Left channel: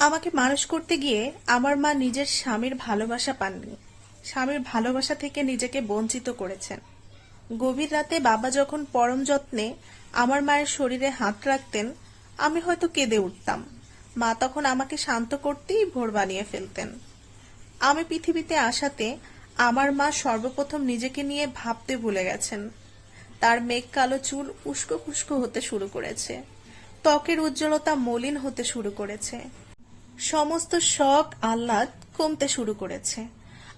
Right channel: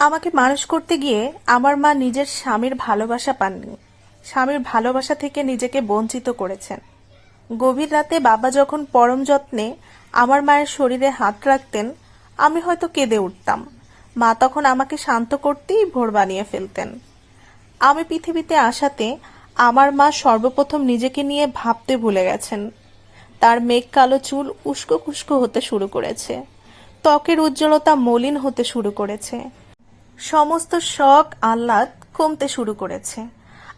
আমাকে মানুষ করতে গিয়ে আমার মা নিজের স্বামীর ভালোবাসা পাননি। স্বামীর ভালোবাসা থেকে নিজেকে বঞ্চিত করেছেন। গভীর রাতে বাবা যখন পরম যত্নে আমার মায়ের শরীরে হাত রাখতেন, আমি হয়তো কেঁদে উঠতাম। মা তখন আমাকে শান্ত করতেই ভোর বানিয়ে ফেলতেন। আমি পৃথিবীতে আসাতে আমার মা সর্বপ্রথম নিজেকে নিয়ে ভাবতে ভুলে গেছেন। তার মেঘ কালো চুল উস্কো খুস্কো হতে শুরু করেছে, ত্বকের উজ্জ্বলতা মলিন হতে শুরু করেছে, সমস্ত শখ আহ্লাদ কমতে শুরু করেছে।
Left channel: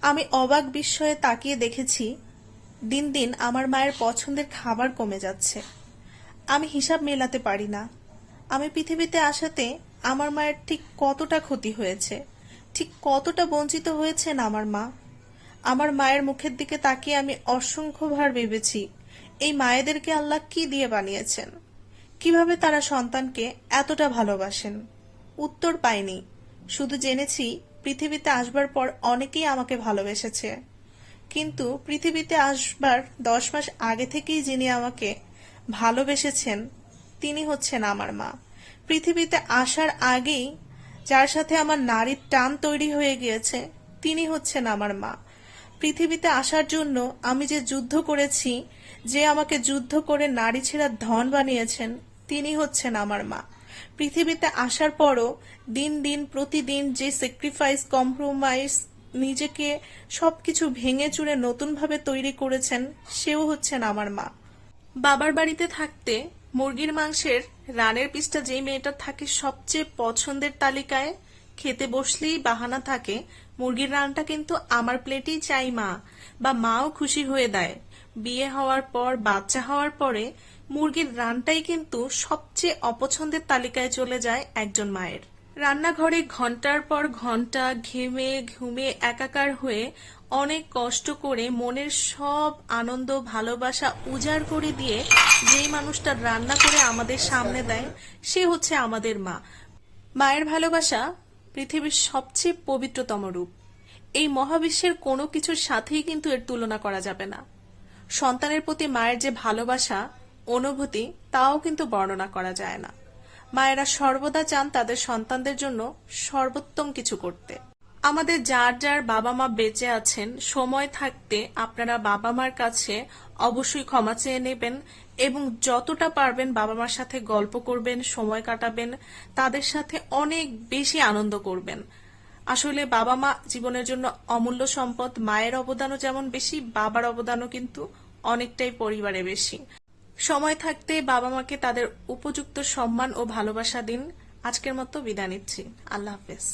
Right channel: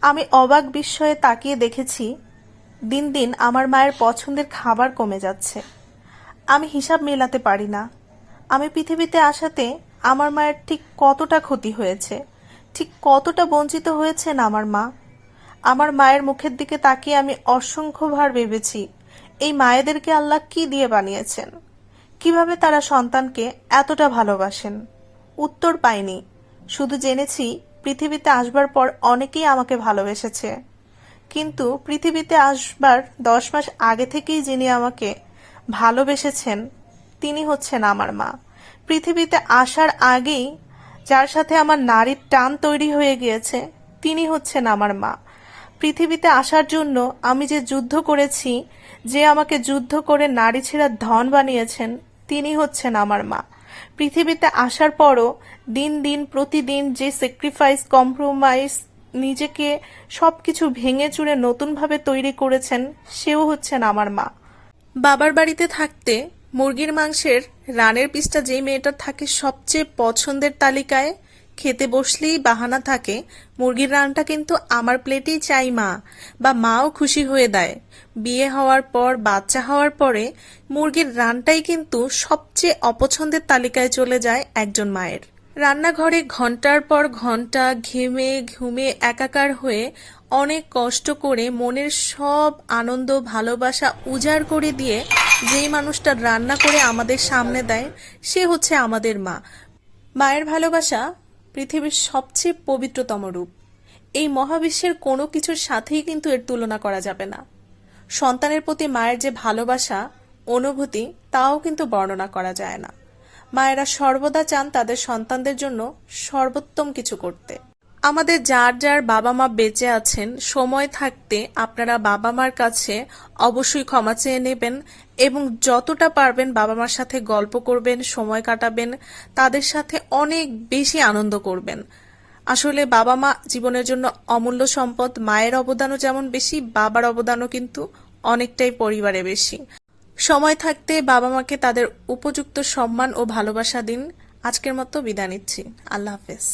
আমি অবাক বিস্ময়ে তাকিয়ে দেখেছি, দিন দিন আমার মায়ের পছন্দের খাবার কমে যাচ্ছে। আমি হিসাব মেলাতে পারি না। আমি পৃথিবীতে আসাতে আমার মায়ের ঠিক কতটা ক্ষতি হয়েছে, ঠিক কতটা বঞ্চিত হয়েছেন আমার মা। আমার মায়ের মুখের দিকে তাকিয়ে আমি অসংখ্যবার ভেবেছি, এই মায়েদেরকে আল্লাহ কি দিয়ে বানিয়েছেন, কিভাবে তারা সন্তানকে এতটা ভালোবাসেন। উত্তর পাইনি, শুধু জেনেছি পৃথিবীতে আসবার পর অনেকেই আমাকে ভালোবেসেছে, কিন্তু পৃথিবীতে আসবার 10 মাস আগে থেকেই যিনি আমাকে ভালোবেসেছেন তিনি হচ্ছেন আমার মা। পৃথিবীতে আসার আগেই যার সাথে আমার নারীর টান তৈরি হয়ে গিয়েছে তিনি হচ্ছেন আমার মা। পৃথিবীতে আসার জন্য আমি যে যুদ্ধ করেছি, যে আমাকে যুদ্ধ করে নারী ছেড়া ধন বানিয়েছেন তিনি হচ্ছেন আমার মা। পৃথিবীতে আসার পরও দিন দিন প্রতিদিন যে স্যাক্রিফাইস, কম্প্রোমাইজ, নিজেকে সবকিছু ভেঙে চুরে নতুনভাবে তৈরি করেছেন সেও হচ্ছেন আমার মা। বাবার বাড়িতে থাকতে মুরগির মাংসের রানের পিসটা যে মেয়েটার থাকে সবচেয়ে পছন্দের তালিকায়, খেতে বসলেই বাহানা থাকে মুরগির রানটা কিন্তু আমার প্লেটেই চাই মা, বা মাও খুশি হয়ে দেয়। বিয়ে হওয়ার পর, বাচ্চা হওয়ার পরে মুরগির রানটাই কিন্তু সবচেয়ে অপছন্দের তালিকায় চলে যায় একজন মায়ের। রান্নাঘরে ঘন্টার পর ঘন্টা ঘেমে ঘুমে একাকার হয়ে অনেক কষ্ট করে মনের সব আনন্দ ভালোবাসা উজাড় করে দিয়ে যেই মানুষটা রান্না করে আমাদের সামনে দেয় সে হচ্ছে আমাদের মা। মায়ের ভালোবাসা পৃথিবীর সবচেয়ে পবিত্রতম রূপ। এই মহাবিশ্বের কোনো কিছুর সাথেই কিন্তু এর তুলনা করা যাবে না। সন্তানের প্রতি মায়ের যে ভালোবাসা, অনুভূতি, তাও কিন্তু বর্ণনা করা যায় না। মায়েরা সর্বদা চান তাদের সন্তানদের জন্য সর্বোত্তম কিছু করতে। আমাদের যার যার বাবা মা বেঁচে আছেন, সময় থাকতে আপনারা বাবা মার কাছে অবশ্যই ক্ষমা চেয়ে নেবেন এবং যতটা পারবেন বাবা মার সাথে গল্প করবেন, সময় কাটাবেন, তাদের সাথে অনেক বেশি আনন্দ করবেন। আসলে বাবা মা জীবনের জন্য অমূল্য সম্পদ। মায়ের অবদানও যেমন বেশি, বাবার অবদানও কিন্তু অনেকটাই পরিবারে বেশি। সময় থাকতে বাবা মাকে তাদের উপযুক্ত সম্মান ও ভালোবাসা দিন। আজকের মতো বিদায় নিচ্ছি। আল্লাহ হাফেজ।